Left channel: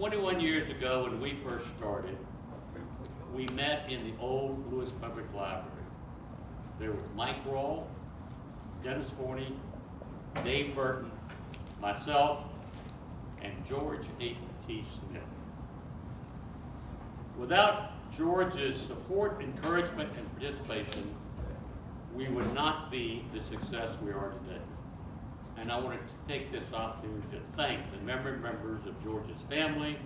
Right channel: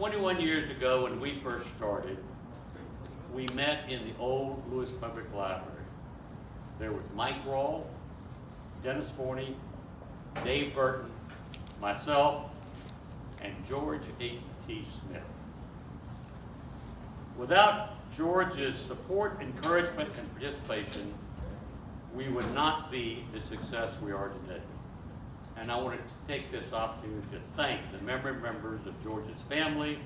21 years ago, when we first started, we met in the old Lewes Public Library. There was Mike Rawle, Dennis Forney, Dave Burton, myself, and George A.T. Smith. Without George's support, encouragement, and participation, we would not be the success we are today. And I wanted to take this opportunity to thank the members of George's family,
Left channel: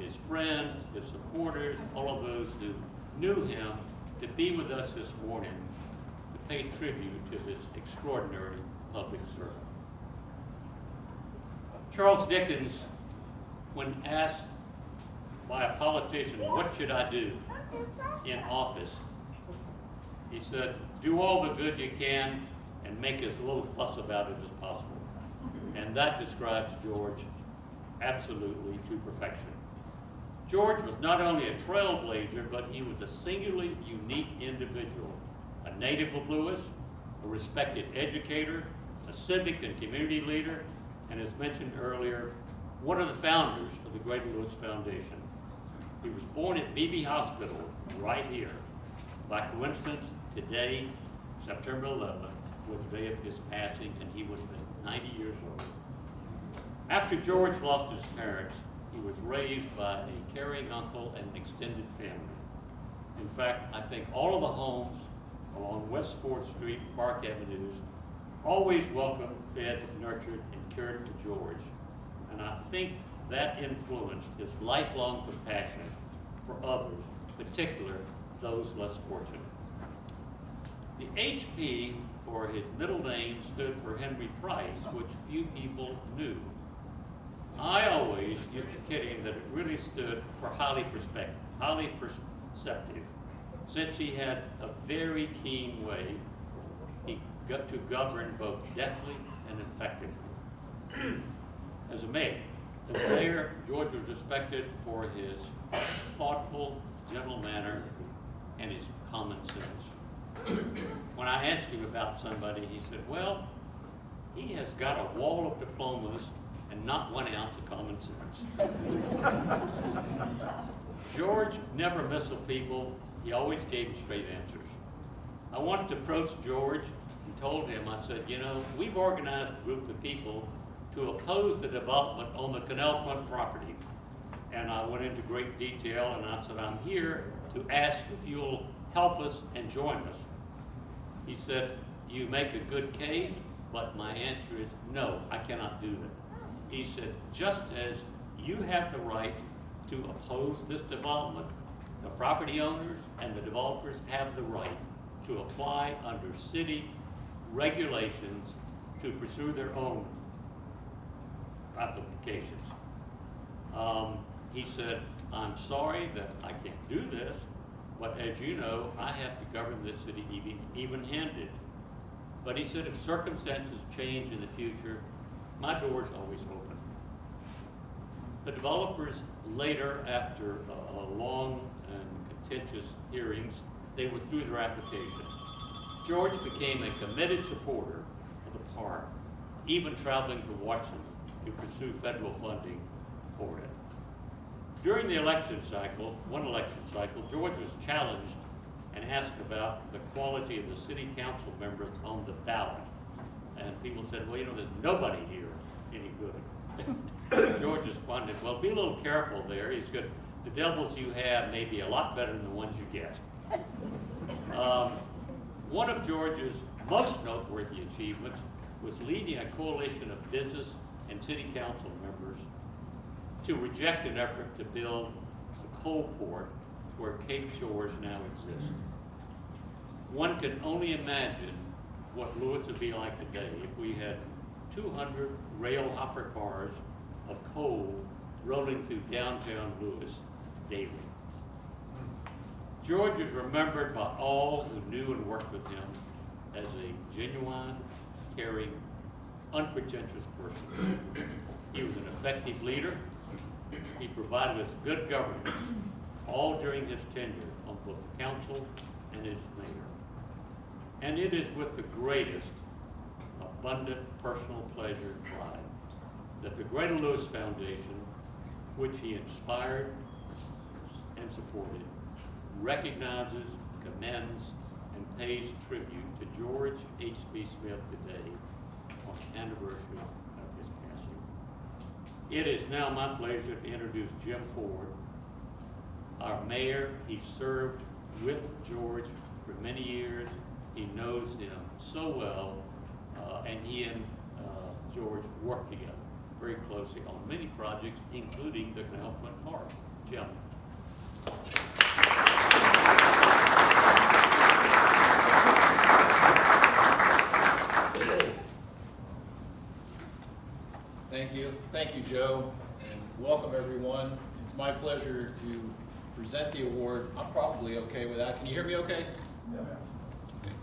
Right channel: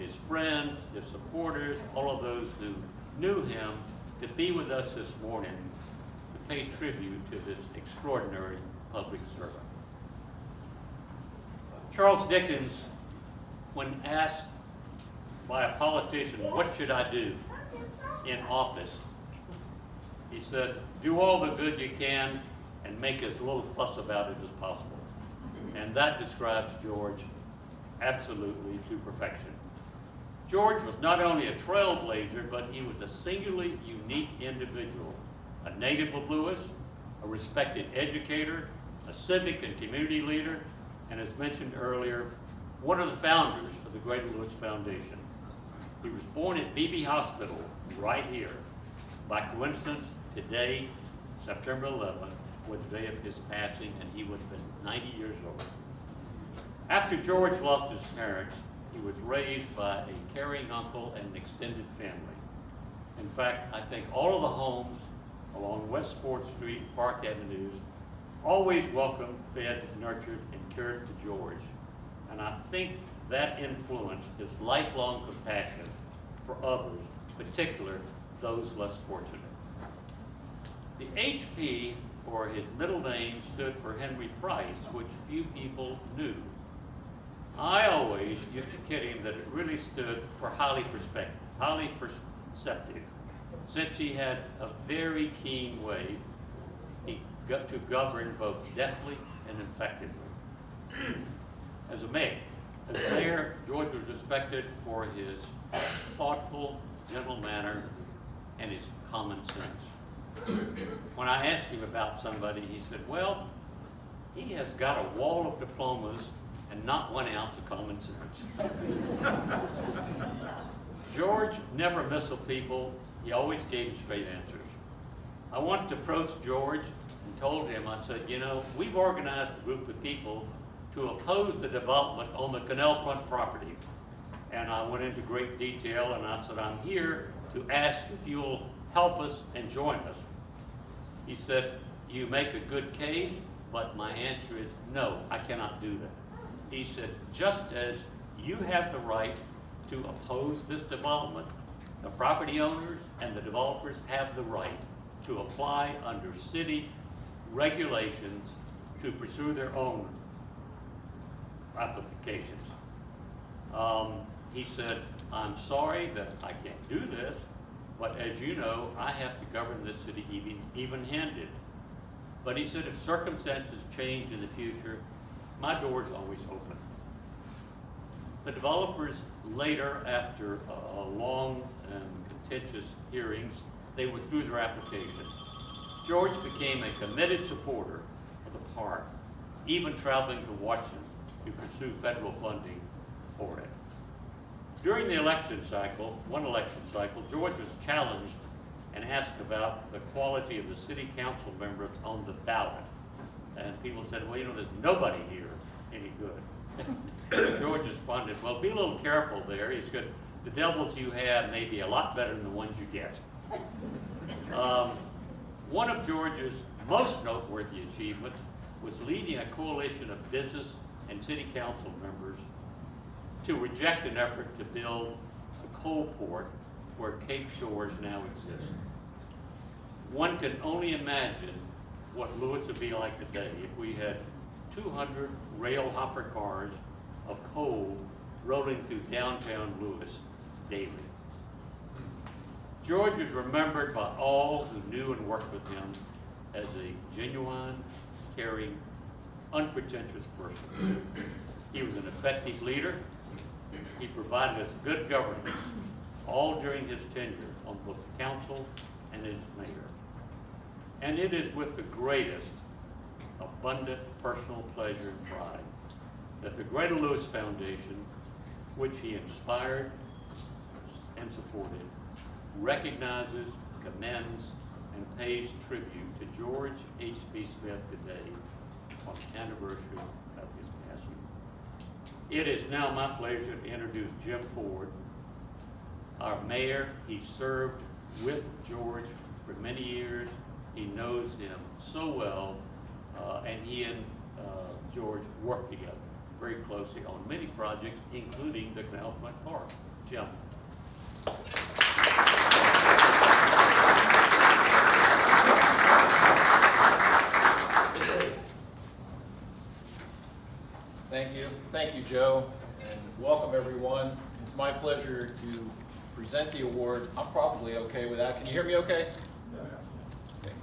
his friends, his supporters, all of those who knew him, to be with us this morning to pay tribute to this extraordinary public servant. Charles Dickens, when asked by a politician, what should I do in office? He said, do all the good you can and make as little fuss about it as possible. And that describes George absolutely to perfection. George was not only a trailblazer, but he was a singularly unique individual, a native of Lewes, a respected educator, a civic and community leader, and as mentioned earlier, one of the founders of the Greater Lewes Foundation. He was born at Beebe Hospital right here. By coincidence, today, September 11th, was the day of his passing, and he would have been 90 years old. After George lost his parents, he was raised by a caring uncle and an extended family. In fact, I think all of the homes along West 4th Street, Park Avenues, always welcomed, fed, nurtured, and cared for George. And I think that influenced his lifelong compassion for others, particularly those less fortunate. The HP for his middle name stood for Henry Price, which few people knew. I always used to kid him that it really stood for highly perceptive, since he had a very keen way he got to govern both deftly and effectively. As mayor, George was respected for his thoughtful, gentle manner and his common sense. When I asked him about somebody, he said, well, he has got a wall of diplomas and not 1 ounce of common sense. George never missiled people. He always gave straight answers. I once approached George and told him, I said, you know, we've organized a group of people to oppose the development on the canal front property. And I went into great detail, and I said, I'm here to ask if you'll help us and join us. He said, you make a good case, but my answer is no, I cannot do that. He said, just as you have the right to oppose this development, the property owners and the developers have the right to apply under city regulations to pursue their own applications. He said, I'm sorry that I can't do this, but as you know, I have to govern this city even-handed. But he said, if circumstances change in the future, my door is always open. The developers later, after long and contentious hearings, they withdrew their application. George became a committed supporter of the park, even traveling to Washington to pursue federal funding for it. During the election cycle, George was challenged and asked about the quality of the city council members on the ballot. And people said, well, you know, there's nobody here any good. George responded, well, be a little careful there. He said, the devils you have may be a lot better than the ones you get. One of George's most noteworthy achievements was leading a coalition of business and city council members to reject an effort to build a coal port where Cape Shores now exists. One can only imagine what Lewes would be like today if we had 200 rail hopper cars of coal rolling through downtown Lewes daily. George is remembered by all who knew and worked with him as a genuine, caring, unpretentious person. He was an effective leader. He provided us good governance, all during his tenure on both the council and as mayor. And it is with the greatest, abundant personal pleasure and pride that the Greater Lewes Foundation which he inspired and supported, recognizes, commends, and pays tribute to George H.B. Smith today on the anniversary of his passing. It is now my pleasure to introduce Jim Ford, our mayor. He served with George for many years. He knows him so well, and he and George worked together very closely on many projects, including the Canal Front Park. Jim. Thank you, Joe, and welcome everyone. It's my pleasure to present the award. I'm probably okay with that. Can you hear me okay? Yeah. Okay.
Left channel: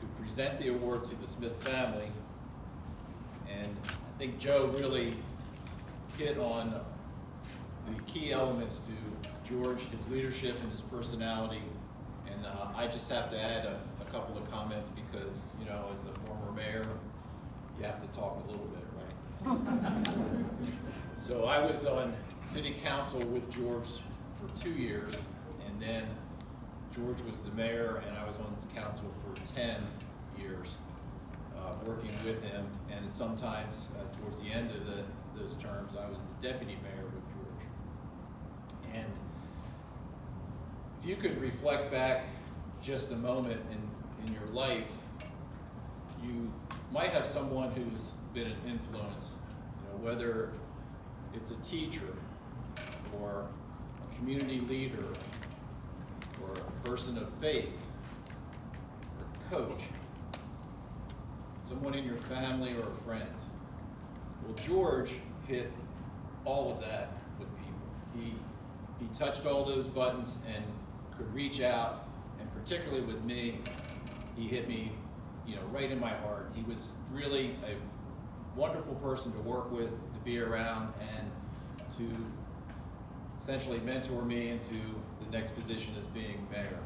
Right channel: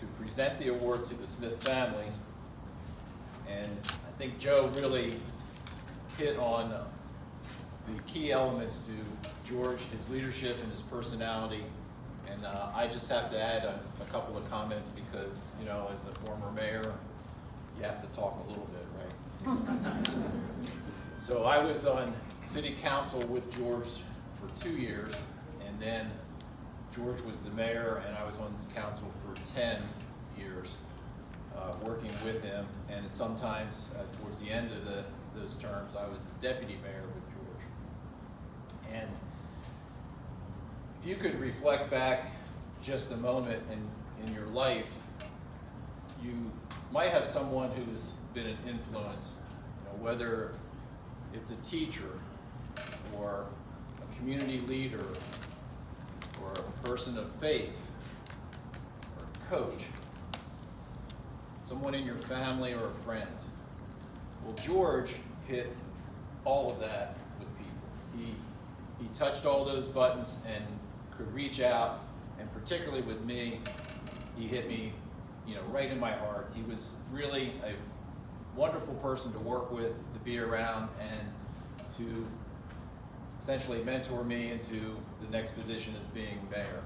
To present the award to the Smith family, and I think Joe really hit on the key elements to George, his leadership and his personality, and I just have to add a couple of comments because, you know, as a former mayor, you have to talk a little bit, right? So I was on city council with George for 2 years, and then George was the mayor, and I was on the council for 10 years, working with him. And sometimes towards the end of those terms, I was the deputy mayor with George. And if you could reflect back just a moment in your life, you might have someone who's been an influence, you know, whether it's a teacher or a community leader or a person of faith or a coach, someone in your family or a friend. Well, George hit all of that with people. He touched all those buttons and could reach out, and particularly with me, he hit me, you know, right in my heart. He was really a wonderful person to work with, to be around, and to essentially mentor me into the next position as being mayor.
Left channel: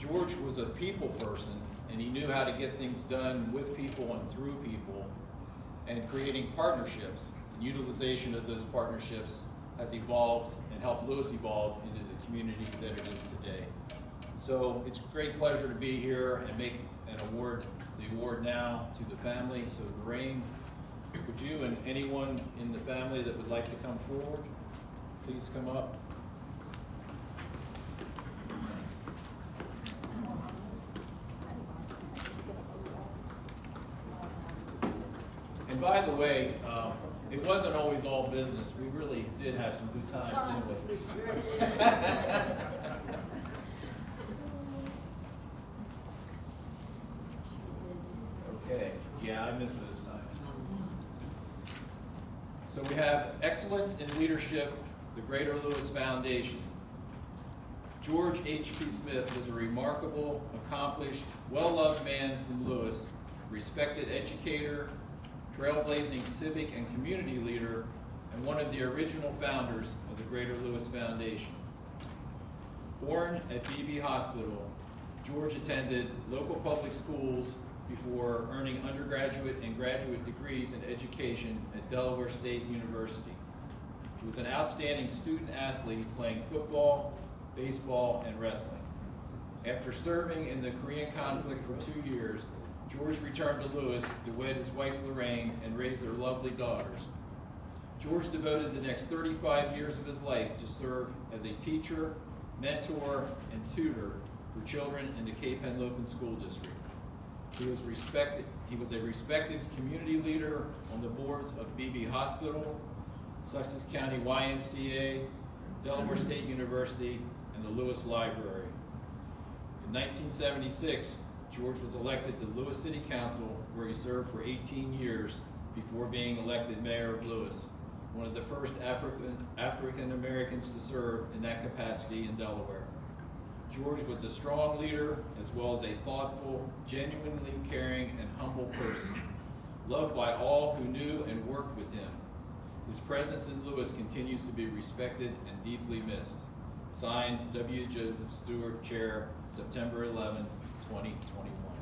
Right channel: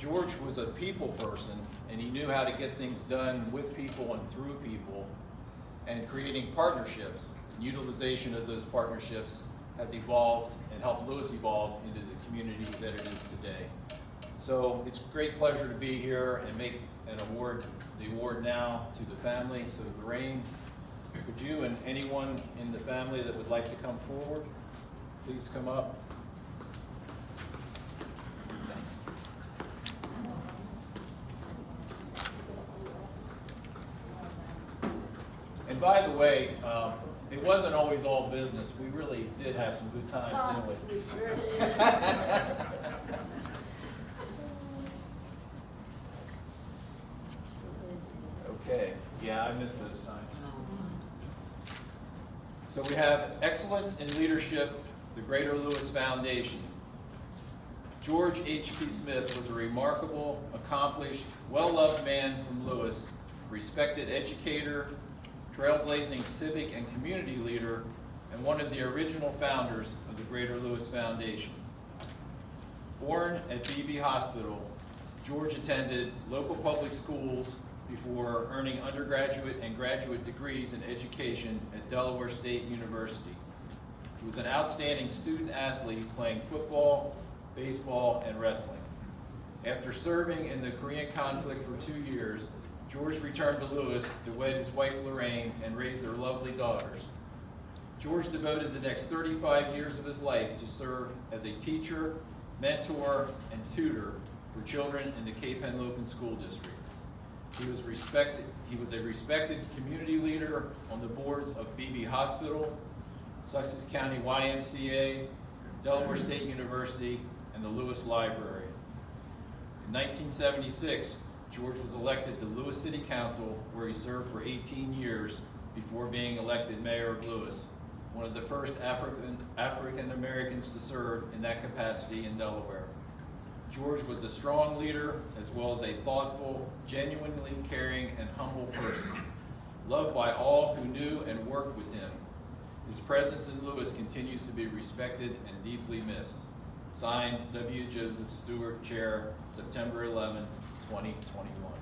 George was a people person, and he knew how to get things done with people and through people, and creating partnerships. Utilization of those partnerships has evolved and helped Lewes evolve into the community that it is today. So it's a great pleasure to be here and make the award now to the family. So Lorraine, could you and anyone in the family that would like to come forward, please come up. Thanks. And by the way, it wasn't always all business. We really did have some good times, didn't we? Okay, yeah, I missed those times. So we have Excellence in Leadership, the Greater Lewes Foundation. George H.P. Smith was a remarkable, accomplished, well-loved man from Lewes, respected educator, trailblazing civic and community leader, and one of the original founders of the Greater Lewes Foundation. Born at Beebe Hospital, George attended local public schools before earning undergraduate and graduate degrees in education at Delaware State University. He was an outstanding student athlete playing football, baseball, and wrestling. After serving in the Korean conflict for 2 years, George returned to Lewes to wed his wife Lorraine and raise their lovely daughters. George devoted the next 35 years of his life to serve as a teacher, mentor, and tutor for children in the Cape Henlopen School District. He was a respected community leader on the boards of Beebe Hospital, Sussex County YMCA, Delaware State University, and the Lewes Library. In 1976, George was elected to Lewes City Council, where he served for 18 years before being elected mayor of Lewes, one of the first African Americans to serve in that capacity in Delaware. George was a strong leader, as well as a thoughtful, genuinely caring, and humble person, loved by all who knew and worked with him. His presence in Lewes continues to be respected and deeply missed. Signed, W. Joseph Stewart, Chair, September 11, 2021.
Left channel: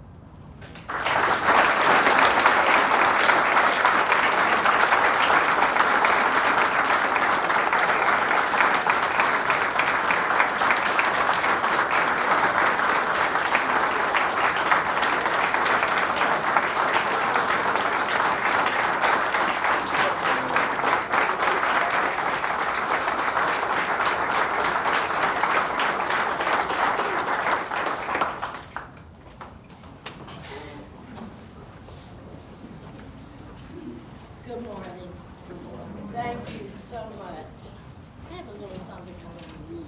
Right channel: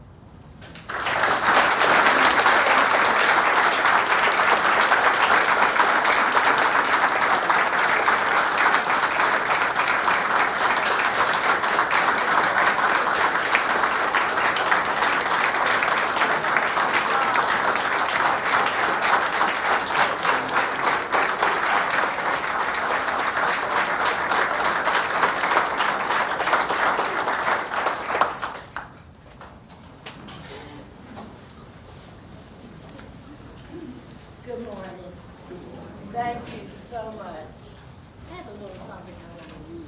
Good morning. Thank you so much. I have a little something I want to read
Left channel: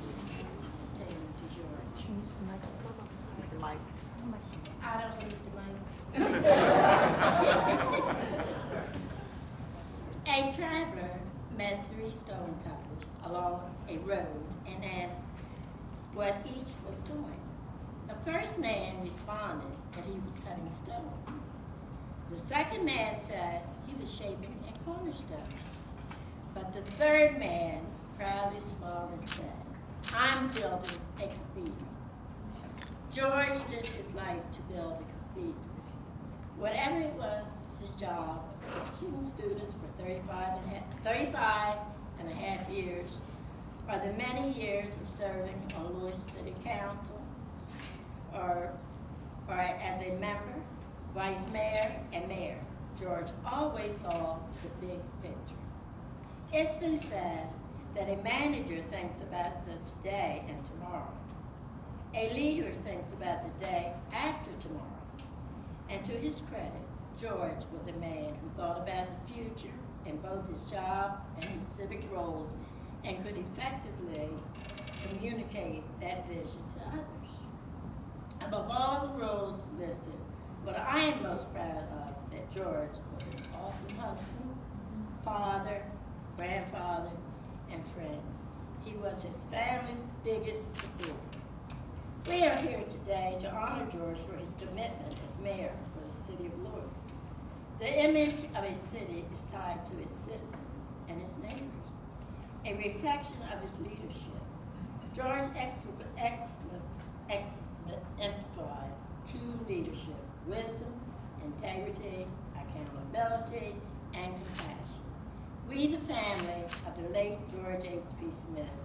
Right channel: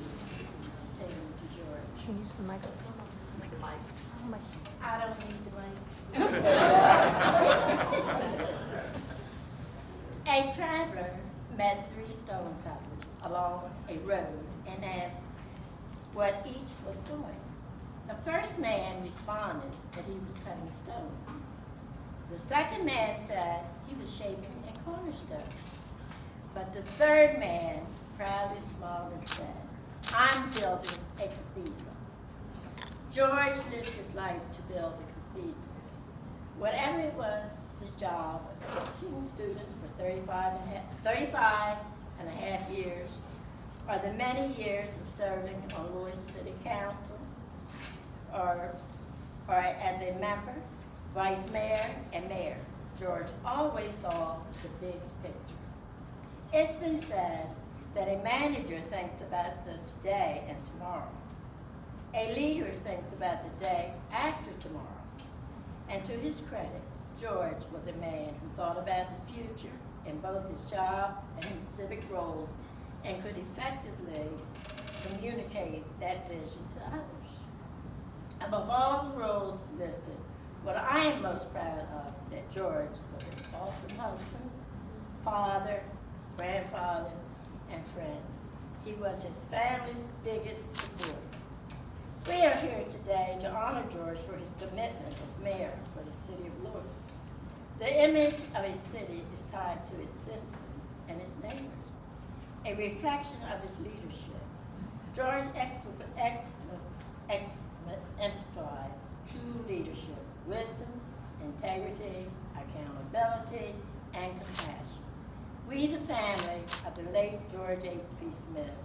to you, to George. Use the microphone. Use the mic. I don't need the mic. A traveler met 3 stonecutters along a road and asked what each was doing. The first man responded that he was cutting stone. The second man said he was shaping a cornerstone. But the third man proudly smiled and said, I'm building a cathedral. George lived his life to build a cathedral. Whatever it was, his job of teaching students for 35 and a half years, or the many years of serving on Lewes City Council, or as a member, vice mayor, and mayor, George always saw the big picture. It's been said that a manager thinks about the today and tomorrow. A leader thinks about the day after tomorrow. And to his credit, George was a man who thought about the future in both his job and his civic roles and could effectively communicate that vision to others. Above all the roles listed, what I am most proud of that George was an awesome husband, father, grandfather, and friend. He was his family's biggest supporter. We are here today to honor George for his commitment as mayor for the city of Lewes. The image of a city is tied to its citizens and its neighbors, a reflection of his leadership. George exemplified true leadership, wisdom, integrity, accountability, and compassion. We, the family of the late George H.P. Smith,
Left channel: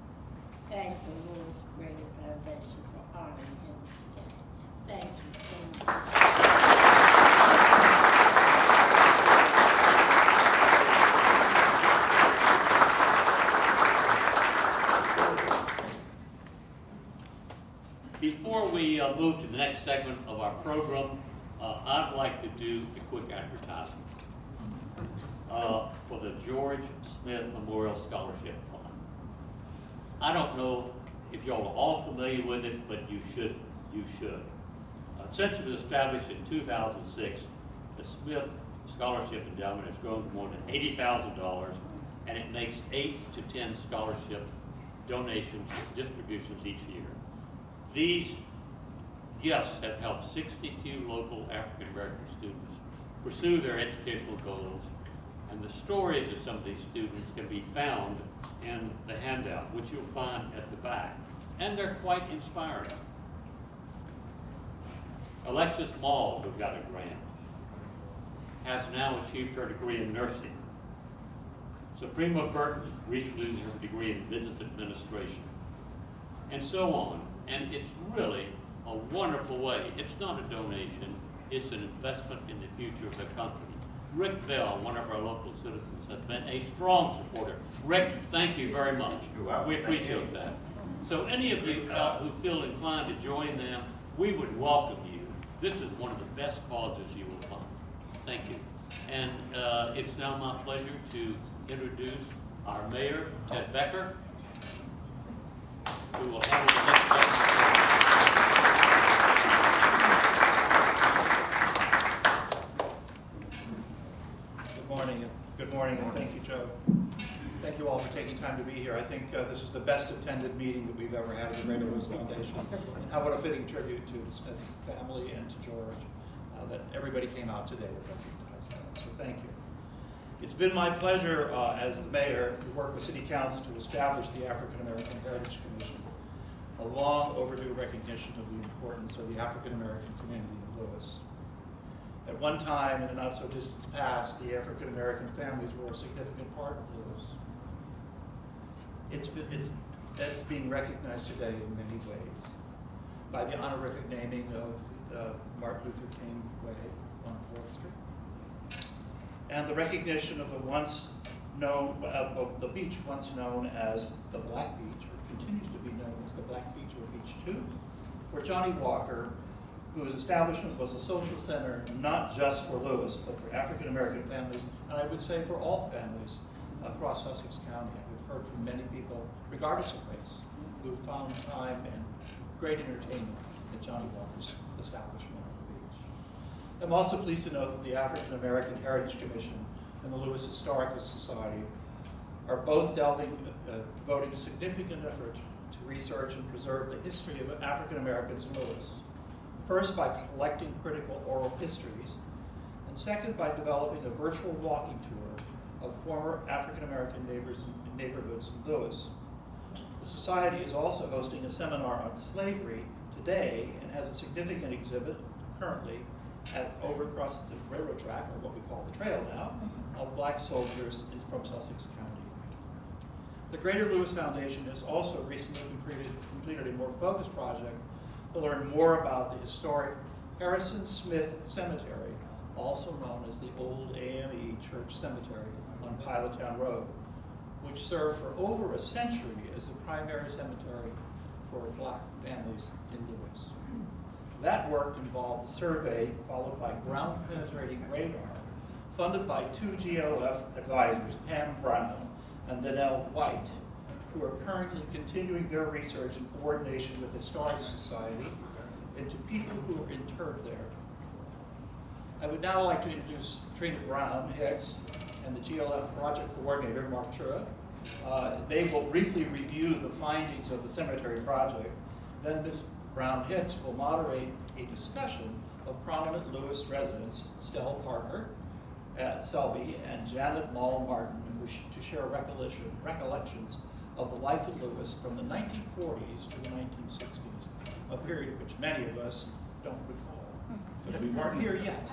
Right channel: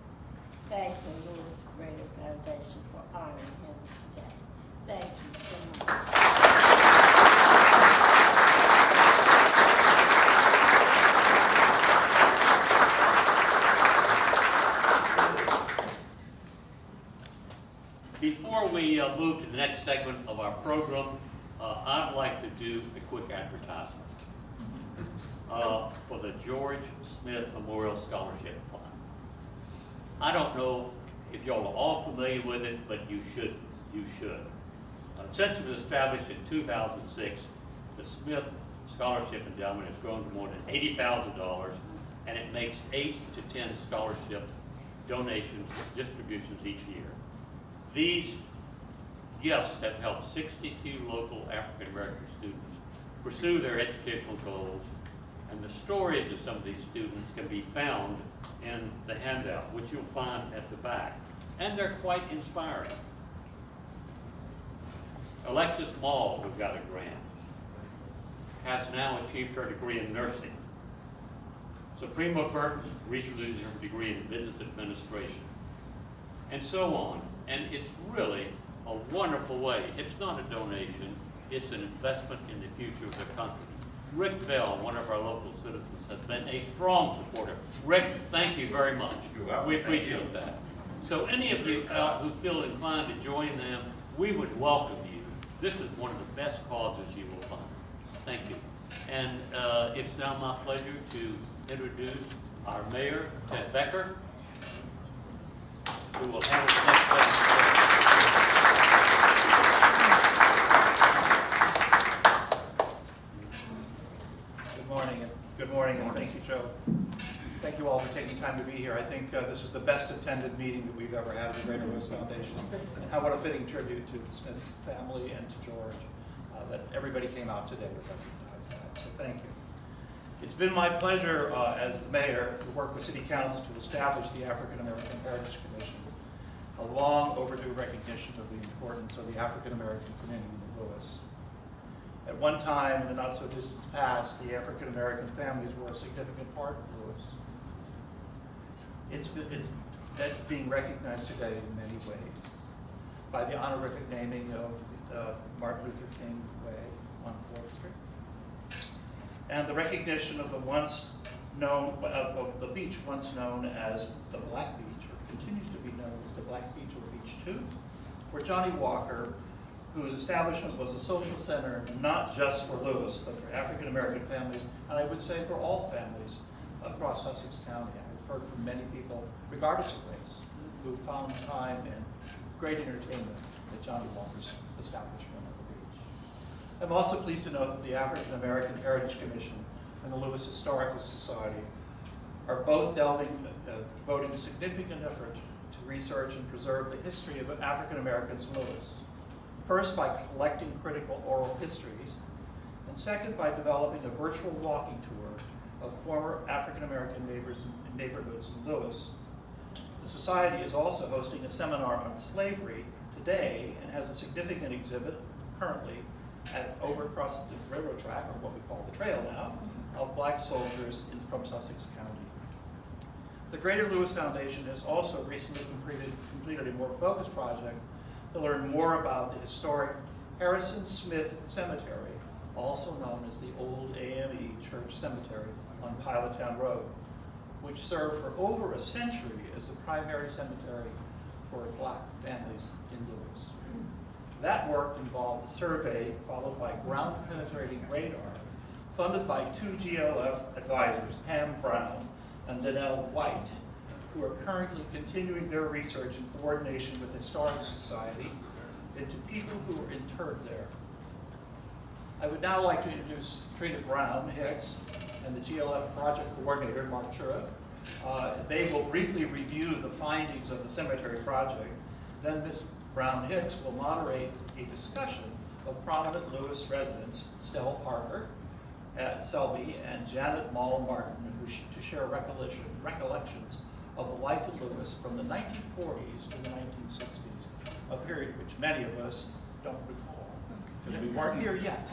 thank the Lewes Greater Foundation for honoring him today. Thank you so much. Before we move to the next segment of our program, I'd like to do a quick advertisement for the George Smith Memorial Scholarship Fund. I don't know if y'all are all familiar with it, but you should. Since it was established in 2006, the Smith Scholarship Endowment has grown to more than $80,000, and it makes 8 to 10 scholarship donations, distributions each year. These gifts have helped 62 local African American students pursue their educational goals, and the stories of some of these students can be found in the handout, which you'll find at the back, and they're quite inspiring. Alexis Maul, who got a grant, has now achieved her degree in nursing. Suprema Burton recently earned her degree in business administration, and so on. And it's really a wonderful way. It's not a donation, it's an investment in the future of the country. Rick Bell, one of our local citizens, has been a strong supporter. Rick, thank you very much. You're welcome. We appreciate that. So any of you who feel inclined to join them, we would welcome you. This is one of the best causes you will find. Thank you. And it's now my pleasure to introduce our mayor, Ted Becker, who will handle the next segment. Good morning, and thank you, Joe. Thank you all for taking time to be here. I think this is the best attended meeting that we've ever had at the Greater Lewes Foundation. And what a fitting tribute to the Smith's family and to George that everybody came out today to recognize that. So thank you. It's been my pleasure as the mayor to work with City Council to establish the African American Heritage Commission, a long overdue recognition of the importance of the African American community in Lewes. At one time, in the not so distant past, the African American families were a significant part of Lewes. It's being recognized today in many ways by the honorific naming of Martin Luther King Way on 4th Street, and the recognition of the beach once known as the Black Beach, or continues to be known as the Black Beach or Beach 2, for Johnny Walker, whose establishment was a social center not just for Lewes, but for African American families, and I would say for all families across Sussex County. I've heard from many people, regardless of race, who found time and great entertainment at Johnny Walker's establishment on the beach. I'm also pleased to note that the African American Heritage Commission and the Lewes Historical Society are both devoting significant effort to research and preserve the history of African Americans in Lewes. First, by collecting critical oral histories, and second, by developing a virtual walking tour of former African American neighborhoods in Lewes. The Society is also hosting a seminar on slavery today and has a significant exhibit currently over across the railroad track, or what we call the trail now, of black soldiers from Sussex County. The Greater Lewes Foundation has also recently completed a more focused project to learn more about the historic Harrison Smith Cemetery, also known as the Old AME Church Cemetery on Pilottown Road, which served for over a century as the primary cemetery for black families in Lewes. That work involved a survey followed by ground-penetrating radar funded by two GLF advisors, Pam Brown and Danelle White, who are currently continuing their research in coordination with the Historic Society into people who are interred there. I would now like to introduce Trina Brown Hicks and the GLF project coordinator, Mark Chura. They will briefly review the findings of the cemetery project. Then Ms. Brown Hicks will moderate a discussion of prominent Lewes residents, Stella Parker at Selby and Janet Mall Martin, to share recollections of the life in Lewes from the 1940s to the 1960s, a period which many of us don't recall, because we weren't here yet.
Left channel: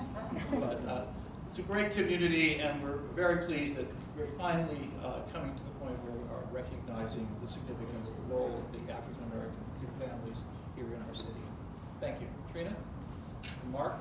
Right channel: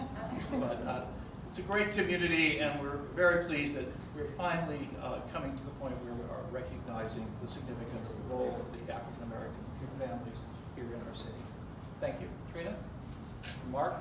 But it's a great community, and we're very pleased that we're finally coming to the point where we are recognizing the significant role of the African American families here in our city. Thank you. Trina and Mark.